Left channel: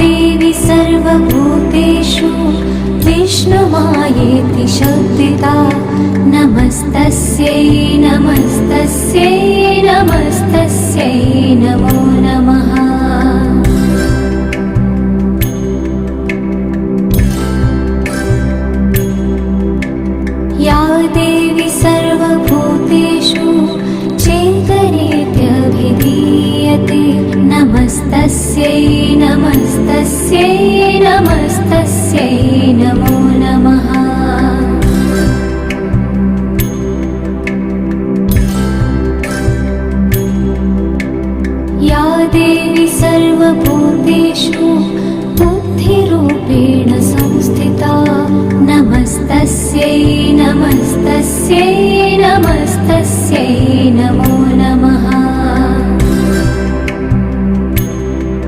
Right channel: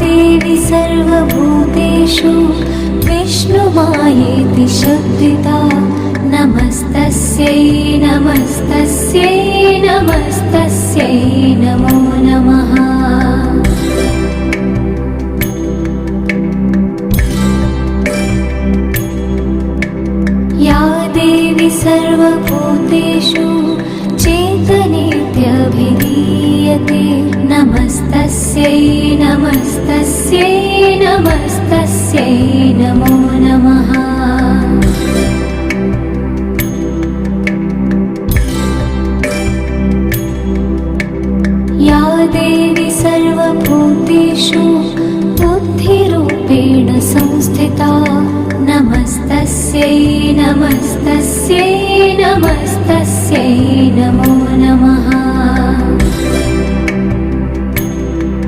देवी सर्वभूतेषु विष्णुमायेति शुद्धिता नमस्तस्यै नमस्तस्यै नमस्तस्यै नमो नमः। या देवी सर्वभूतेषु चेतनेत्यभिधीयते नमस्तस्यै नमस्तस्यै नमस्तस्यै नमो नमः। या देवी सर्वभूतेषु बुद्धिरूपेण संस्थिता नमस्तस्यै नमस्तस्यै नमस्तस्यै नमो नमः।